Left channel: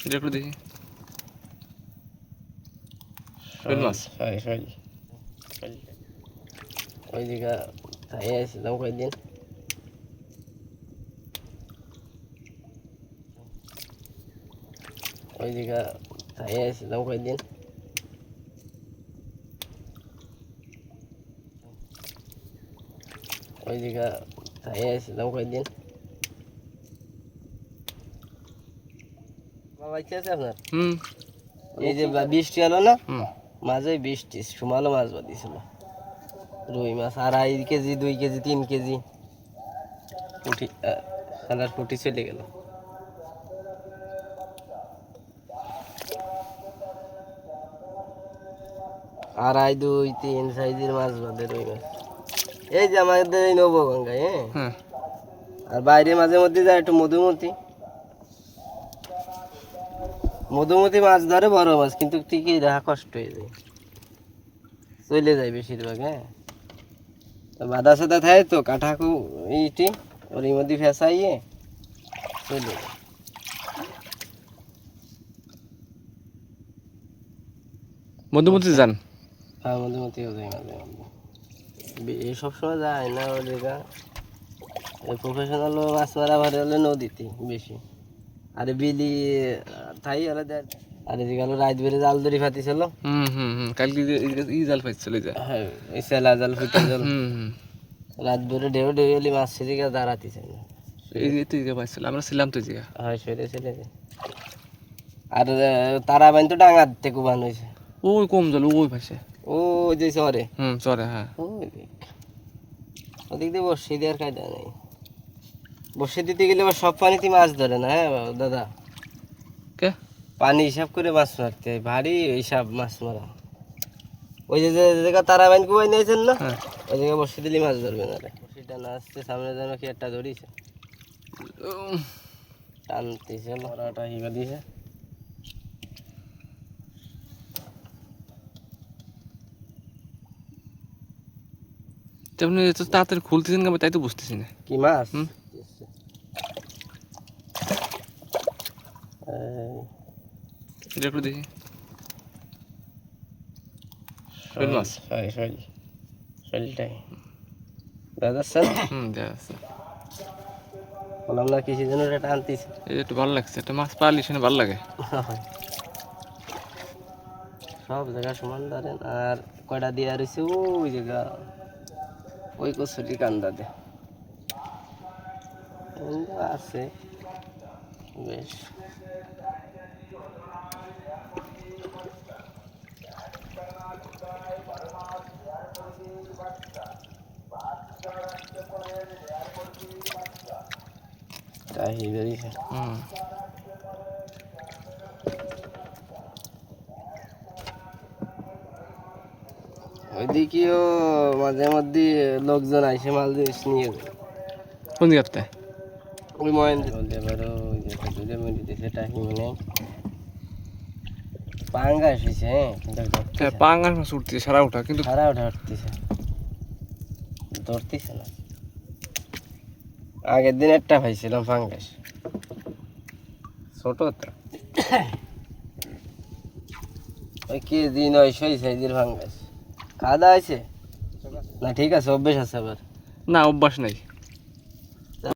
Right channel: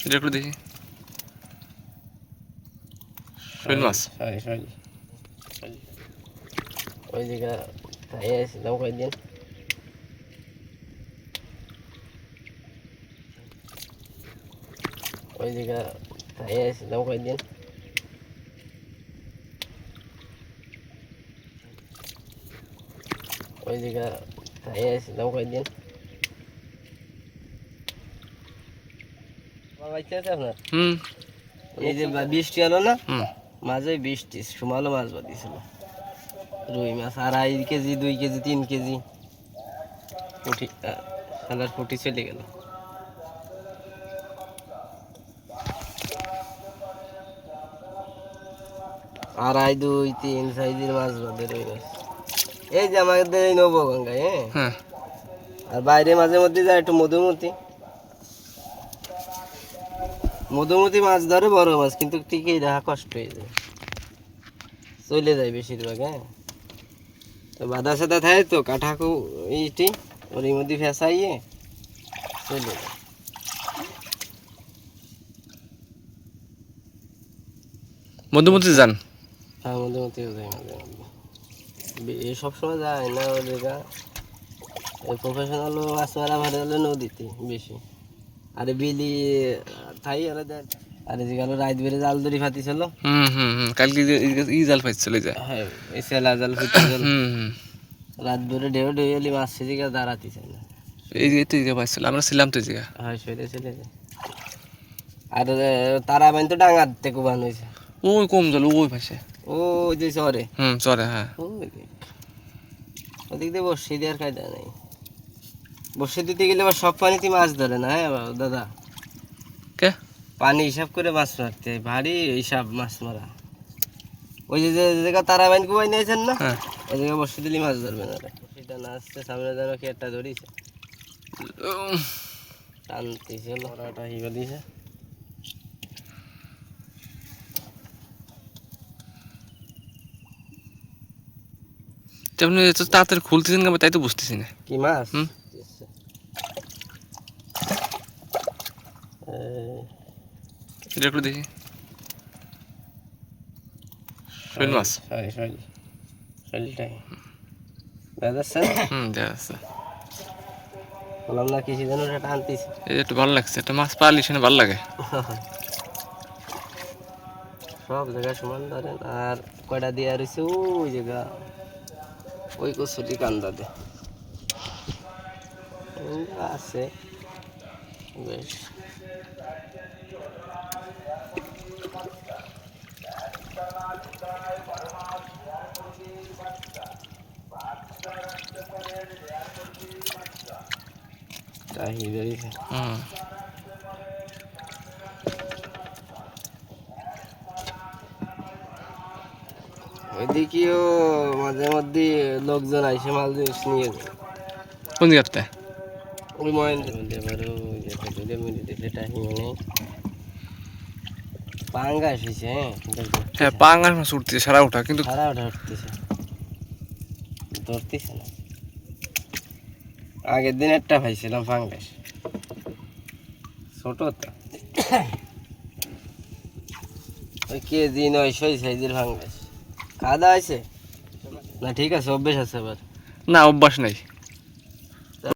এটা একটু দেখি শৈল মাছ সরি সরি ওই দিকে তাই আসছিলাম কয়েকদিন ওই দিকে তাই আসছিলাম কয়েকদিন ওই দিকে তাই আসছিলাম কয়েকদিন আমার আছে আপনার? হুম। এই যে বৃষ্টি হলো না? হুম। মাঝে বৃষ্টি সুমালো মাছ বাঁধিয়েছিল রুই মাছ আড়াই কেজি দুই কেজি তিন কেজি। পুঁটি সালার পুঁটি চলে গেল। আড়াই দুই তিন সাইজের মাছ বাঁধে রুই মাছ। এই যে আমাদের এই নবগঙ্গায় হ্যাঁ? হ্যাঁ। আর বাইরে মাঝে মধ্যে যায় একটু মধুমতি। মধুমতি মাছ ধরে বড় মাছ কিন্তু ঠিকই দেখা কষ্ট হয়ে যায়। চলে যায় বেশিরভাগ হ্যাঁ? তো বাধা সাদা থাকে তো কাঠাকু এইটি ওর মধ্যে ফেসাইয়ে চলে যায়। মধুমতি যান। হ্যাঁ মধুমতিও যায় মাঝে এই সবসময় যায় না ওদিকে প্রফেশনাল মাছ মারা ভালো হলে নদীতে বেশি। আরে বিলি থাই ওরা দেয় আরে যেগুলো রাত বেড়ে জাল দড়ি ফাতিছিল। হুম হুম হুম কালকে যে ই- জাল চলে যায় হ্যাঁ এই সেলা জাল ফুটে জাল হুম হুম। রাত বেড়ে ঢেউ ঢেউ এলি মাছ সেদিকে দাঁড়াতিছে না এই যে তো জায়গা পাইছিল আমরা ছিলাম তো এই জায়গা হ্যাঁ সেটা সেটা আর তারা বাইন তো ডাঙার থেকে বান হয়েছে ওই কম জল ওই পাশে। ও যে শহরে। হুম চলে হ্যাঁ। ওই দিক ওদিক দিয়ে বসে দেওয়ার কায়দা নেই। বসে দিতে গেলে আবার সব পানিতে মাছ ধরে না হ্যাঁ দাদা? কে? পানি হিসাব করে মাছ মারতে হয় ভারী হিসাব মাছ মারা। ওই যে যে জায়গা তারা বাইন কুবাই নিয়েছেন না হ্যাঁ। ওই জায়গায় বসে দিলে মাছ ধরবে না সেটা না আসছে সামনে যেন কি একটা ধরিছে। টানতেছে লড়াটা হিবা দিছে। তো আপনি এত তাড়াতাড়ি খুলতেছেন কেন? তাই তো বুঝতেছি না। কি মাছ হুম। এই, এটা একটু দেখি। শৈল মাছ। Sorry sorry শৈলটাই। বেদাচ্ছেন হুম দেখা বললাম না কিছু যেন ওটা টানতেছে? এই একটু ভালো লাগছে একটা মাছ পারলে সেখানে ভালো লাগে। সব জায়গায় সমান ধরেন আর কয়টা দিয়ে রয়েছে? ওই জায়গা। ওই কচুরি কান্দাতে এগুলো আছে। বেশ। তাই বেরিয়েছে হুম। এদিকেও মাঝে মধ্যে লোকজন আইসে মাল জিনিস নিয়ে যায়। কোন জায়গাতে? ওই মহেন্দ্র বলতে পারো ওই যে দুধের মধ্যে দেখলে টাইম নেই। পাঙ্গাস হয়েছে হ্যাঁ পাঙ্গাস মাছ উঠতেছে সারা ওঠা কিন্তু সারা ওটা উঠতেছে ধরতেছে না। আগের দিন একটা পাইছিলাম ফাঙ্গাস ছোট তো। ওই কেজি নয়শো সাইজের ফাঙ্গাস খাওয়া দাওয়া হয়েছে না ঠিক আছে অভ্যেস আছে আবার। না অভ্যাস নাই।